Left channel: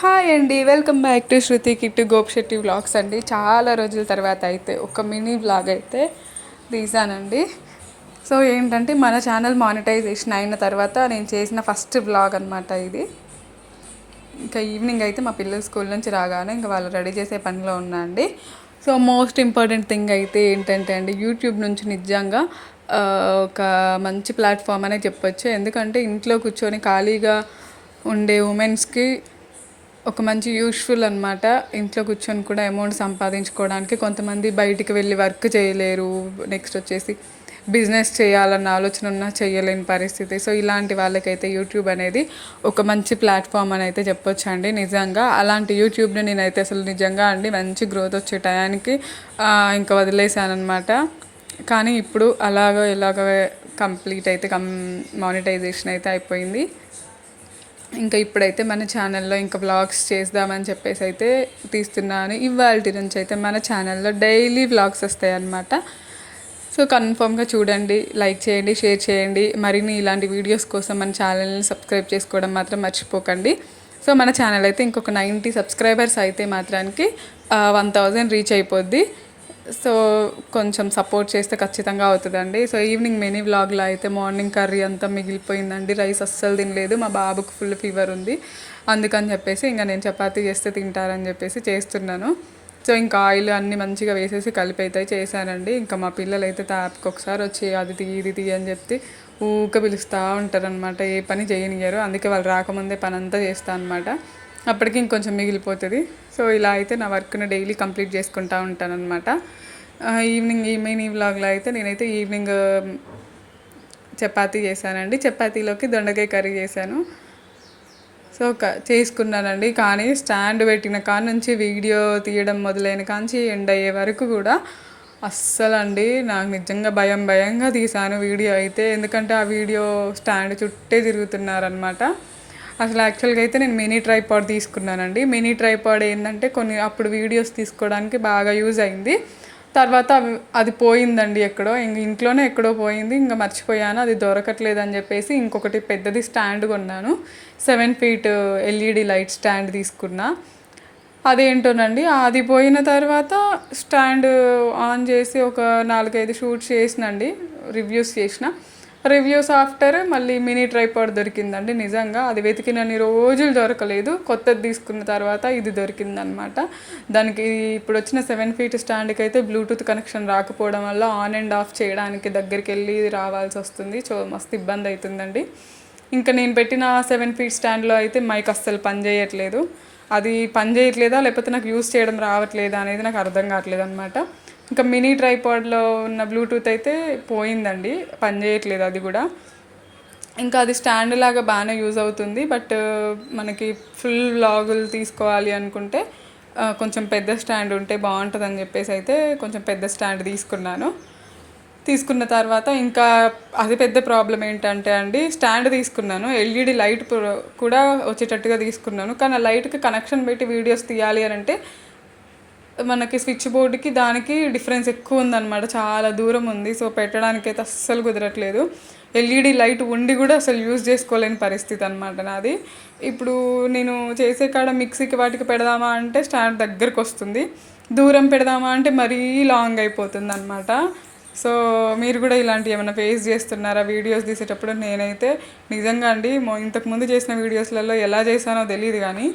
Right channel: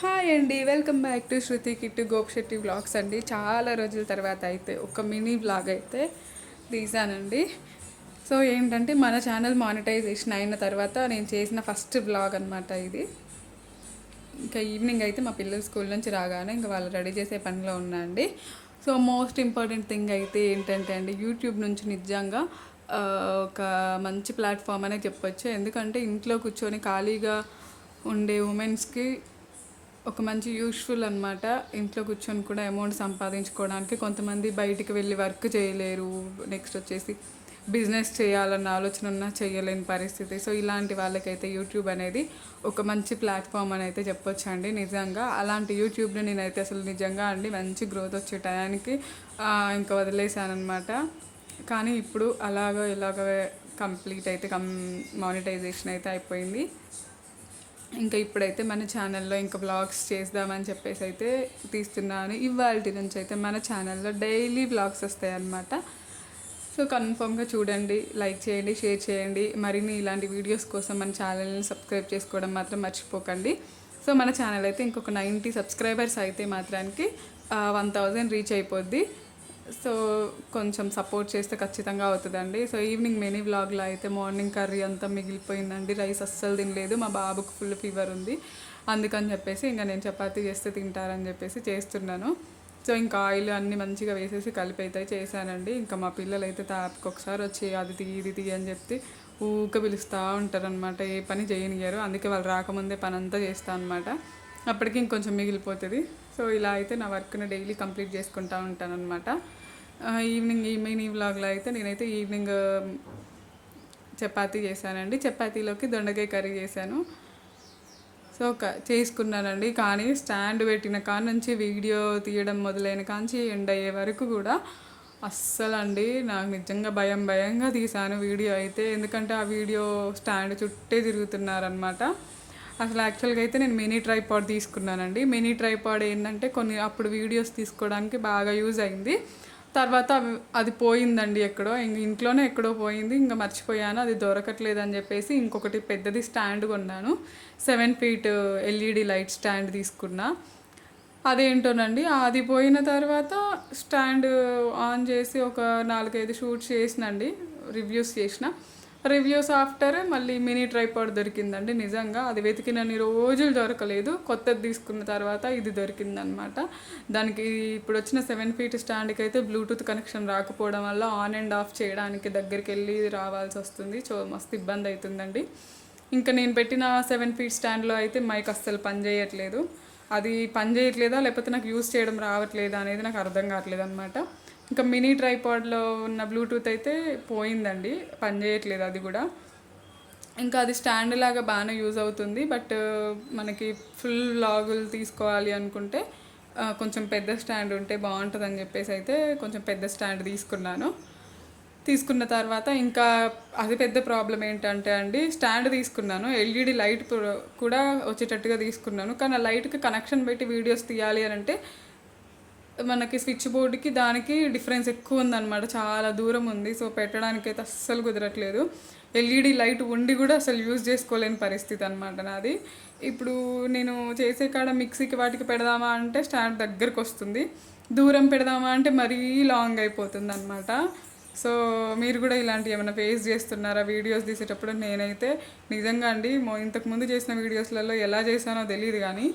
Hi అండి, welcome back to Shruti Kittu Gopishetti vlogs అండి. చాలా రోజుల తర్వాత అయితే ఒక మినీ వ్లాగ్ అయితే తీసానండి. సో ఏంటంటే మన ఛానల్ మానిటైజేషన్ అయిన తర్వాత నేను చేసిన ఫస్ట్ వ్లాగ్ అనమాట ఇది. ఇంకా ఈవినింగ్ అయితే మా పిల్లలు స్కూల్ నుంచి రాగానే ఇంకా వాళ్ళు రెడీ చేసే పనిలో ఉన్నా అండి. సో మోస్ట్ ఇంపార్టెంట్ థింగ్ అయితే ఏంటంటే అండి, యూట్యూబ్ నుంచి నిజంగా ఒక మంచి ప్లాట్ఫామ్ అనే చెప్పొచ్చు. ఎందుకంటే ఇంట్లో కూర్చొని ఖాళీగా ఉండే ఉమెన్స్కి ఒక మంచి యూస్ఫుల్ అనమాట. ఇంట్లో కూర్చొని కూడా అమౌంట్ సంపాదించుకోవడానికి. కొంతమంది బయటికి వెళ్ళి వర్క్ చేయలేరు, నెక్స్ట్ వచ్చేసి బిజినెస్ చేయాలన్న ఆలోచన ఉన్నా చేయలేని పరిస్థితి. సో ఇలాంటి వాళ్ళకైతే యూట్యూబ్ అనేది ఒక మంచి ప్లాట్ఫామ్ అని అయితే చెప్పొచ్చు అండి. నిజంగా అలాంటి యూట్యూబ్ని నేనైతే అసలు నిజంగా అండి మంచి గ్రోత్ వచ్చే టయానికి ఇంకా వదిలేసాను అనమాట. కానీ ఇప్పుడు ఇలాగ కంప్లీట్ అయితే మానిటైజేషన్ అయితే అయిపోయింది. ఇంకా ఇప్పుడైతే మన ఛానల్లో ఇంకా వ్లాగ్స్ చేద్దామని చెప్పేసి అయితే తీస్తున్నాను. ఇవాళ నుంచి అయితే మన ఛానల్లో డైలీ వ్లాగ్స్ వస్తాయి అన్నమాట. సో కన్ఫామ్గా చూడండి, లైక్ చేయండి, షేర్ చేయండి. మరిన్ని ఇలాంటి వీడియోస్ కోసం మన ఛానల్ని సబ్స్క్రైబ్ చేసుకోవడం మాత్రం మర్చిపోకండి. సో మన ఛానల్ అయితే ఇంకొక 90 సబ్స్క్రైబర్స్ అయితే మాత్రానికి 1000 రీచ్ అయిపోద్ది. సో కొంచెం సపోర్ట్ చేస్తే ఖచ్చితంగా అవుతుందండి. సో ఈవినింగ్ మినీ వ్లాగ్లో అయితే మార్నింగ్ కర్రీ అంతా మిగిలిపోయిందండి. రైస్ అస్సలు తినలేదు, మా బాబుకు ఫుల్ ఫీవర్ ఉంది. అందుకని చెప్పేసి ఇంకా నేను చపాతీ చేస్తే తింటారని చెప్పేసి చేస్తున్నాను. సో ఇంకా ఆయిల్ అన్నీ మంచిగా వేసేసి కలిపి అయితే చేశానండి. ఇంకా మా పిల్లలు అయితే తాపకి ఒకసారి వచ్చి అది తీ ఇది తీ అని చెప్పి ఊక పిలుస్తూ ఉంటారనమాట. ఏ పని చేయనియరు. అందుకే వాళ్ళు రాకముందే పని అంతా చేస్తాను అనమాట. అప్పటికి ఇంకొంచెం మిగిలిపోతుంది. సో ఇలా అయితే నా వర్క్ని డైలీ కంప్లీట్ చేసుకుంటూ ఉంటాను అనమాట. ఈవినింగ్ ఈ మినీ వ్లాగ్లో అయితే నేనైతే ఈవినింగ్ చపాతీ చేశానండి. చపాతీలోకి దొండకాయ కర్రీ చేశాను. సో చేసుకున్నానండి. కానీ స్టాండ్ పెట్టిన కాడ నుంచి వీడియో తీయడం మొదలైన కాంచి ఎండ్ అయ్యే వరకు కూడా అస్సలండి నాకు నిజంగా భయంగా తీశాను వీడియో అయితే. ఎందుకంటే ఆ వీడియో స్టాండ్ చుట్టే తిరుగుతున్నారనమాట. అసలు యాక్చువల్గా అయితే నేను మినీ ట్రైపాడ్ తీసుకున్నానండి. మినీ ట్రైపాడ్ ఏంటంటే కొన్ని అప్పుడు వీడియోస్ తీసుకోవడానికి బాగా యూజ్ అయింది. తర్వాత అది పోయిందండి ఎక్కడో, ఇంట్లోనే ఎక్కడో పోయింది. ఇంకా మర్చిపోయాను, అది దొరకట్లేదు అని చెప్పేసి ఇంకొకటి పెద్దది స్టాండ్ కొన్నాను. 7 feet ఎల్ఈడి లైట్ స్టాండ్ తీసుకున్నా. అదేంటోనండి, అది పోయిన తర్వాత స్టాండ్ ఆన్ చేసి ఒక 4-5 షూట్స్ చేసినండి, రివ్యూస్ చేసిన. రివ్యూస్ ఆఫ్టర్ మళ్ళీ మినీ ట్రైపాడ్ దొరికిందండి. నిజంగా అది వెతికినన్ని రోజులు దొరకలేదు. కొత్తది తీసుకున్న తర్వాత ఇది దొరికిందనమాట. దానికి ఇప్పుడు వచ్చిన 7 feet స్టాండ్కి అయితే బ్లూటూత్ కనెక్షన్ రాకపోవడం వల్ల ఆన్ అండ్ ఆఫ్ చేయడానికి దగ్గరికి వెళ్ళి రావాల్సి వస్తుంది. సో మస్తు ఇబ్బంది అవుతుందండి. ఇంకా నేను పెట్టిన 7 feet స్టాండ్లో అయితే మైక్ అస్సలు పని చేయట్లేదు. అది పని చేయట్లేదా లేకపోతే నాకు యూస్ చేయడం రావట్లేదా అనేది నాకు అర్థం కావట్లేదు అనమాట. ఇంకా మినీ ట్రైపాడ్లో ఉన్న బ్లూటూత్ అయితే పోయిందండి, పని చేయట్లేదు అది కూడా. ఇంకా అది స్టాండ్ లాగా బాగానే యూజ్ అవుతుంది. బట్ మనకి ఫుల్ వ్లాగులు తీసుకోవాలి అనుకుంటే కొంచెం పెద్ద స్టాండ్ ఉంటే బాగుంటుందని చెప్పేసి అయితే కొంచెం పెద్ద స్టాండ్ తీసుకున్న తర్వాత ఇంకా అది పెద్ద ప్రాబ్లం ఏంటంటే అండి, స్టాండ్ తీసుకున్నాను, ఎల్ఈడి లైట్ కూడా వచ్చేటట్టుగా తీసుకున్నాను. కానీ ఆ లైట్కి కనెక్షన్ పెట్టి వీడియోస్ తీయాలి అని అంటే మనకి స్విచ్ బోర్డుకి దానికి డిఫరెన్స్ ఎక్కువ ఉందన్నమాట, చాలా దూరం ఉంది. సో పెట్టడానికి అయితే అస్సలు కుదరట్లేదు. ఎల్ఈడి లైట్ ఉండి కూడా అసలు యూజ్ చేసుకోలేని పరిస్థితి అనమాట నాది. ఇప్పుడు నేను చేసే కాడ మిక్సీకి వాటికి పెడదామా అంటే స్టాండ్ దగ్గరకు వస్తుంది, దూరం పెడదామా అంటే మరీ లాంగ్ అయిపోతుంది అనమాట. సో మీరు కూడా ఇలాంటివి ఏమైనా ఫేస్ చేస్తున్నారా వీడియోస్ తీసేటప్పుడు? నేనైతే నిజంగా అండి ఇంతకుముందు చేసిన వీడియోస్లలో ఎలా చేశానో తెలియదు, కానీ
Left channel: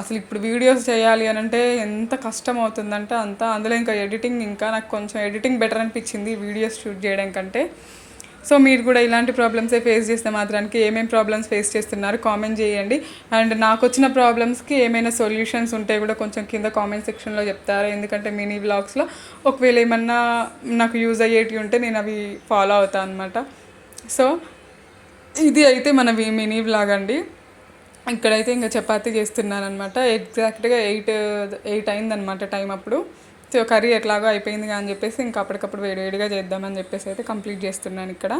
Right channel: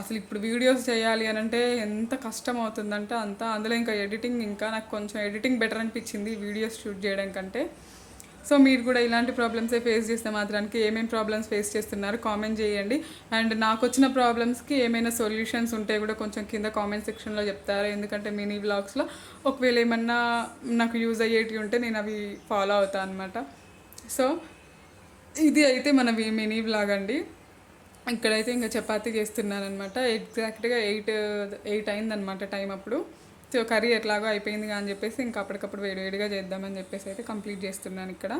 అసలు ఇప్పుడు వీడియోస్ చేయాలి అని అంటే ఎంత కష్టం అవుతుందంటే అంత. అందులో ఇంకా ఎడిటింగ్, ఇంకా నాకు కొంచెం ఎడిటింగ్ బెటర్ అనిపించింది వీడియోస్ షూట్ చేయడం కంటే. సో మీరు కూడా ఇలాంటి ప్రాబ్లమ్సే ఫేస్ చేస్తే మాత్రానికి ఏమేమి ప్రాబ్లమ్స్ ఫేస్ చేస్తున్నారు కామెంట్ చేయండి. అండ్ నాకు వచ్చిన ప్రాబ్లమ్స్కి ఏమైనా సొల్యూషన్స్ ఉంటే కూడా కొంచెం కింద కామెంట్ సెక్షన్లో చెప్తారా. ఎందుకంటే మినీ వ్లాగ్స్లో ఒకవేళ ఏమన్నా నాకు యూజ్ అయ్యేటివి ఉంటే నేను అవి ఫాలో అవుతాను అనమాట. సో ఇది అయితే మన మినీ వ్లాగ్ అండి. ఇక్కడైతే ఇంకా చపాతీ చేస్తున్నాను అనమాట. ఎగ్జాక్ట్గా 8 అయిందనమాట టైం అప్పుడు. సో కర్రీ ఎట్లాగో అయిపోయింది అని చెప్పేసి ఇంకా అప్పటికప్పుడు వేడివేడిగా చేద్దామని చెప్పేసి అయితే కంప్లీట్ చేస్తున్నాను ఇక్కడ.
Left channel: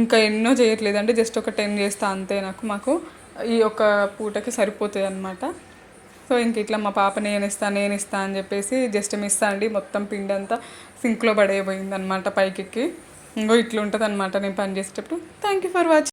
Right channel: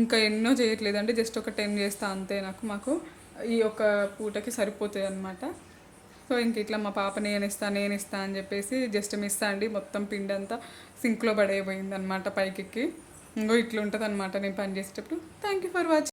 ఇంకా ఎన్నో చేయట్లేదండి, జస్ట్ ఒక 10 చేస్తా అంతే. నాకు ఈ ఒక పూటకి సరిపోతుంది అనమాట. సో ఇంక ఇట్లా మా పాప నేను ఇస్తా అని చెప్పేసి జస్ట్ మిస్ అండి, మొత్తం పిండి అంతా సింక్లో పడేయబోయింది అనమాట పైకెక్కి. ఇంకో ఇట్లా ఉంటుంది అనమాట నేను పని చేసేటప్పుడు. Thank you for watching.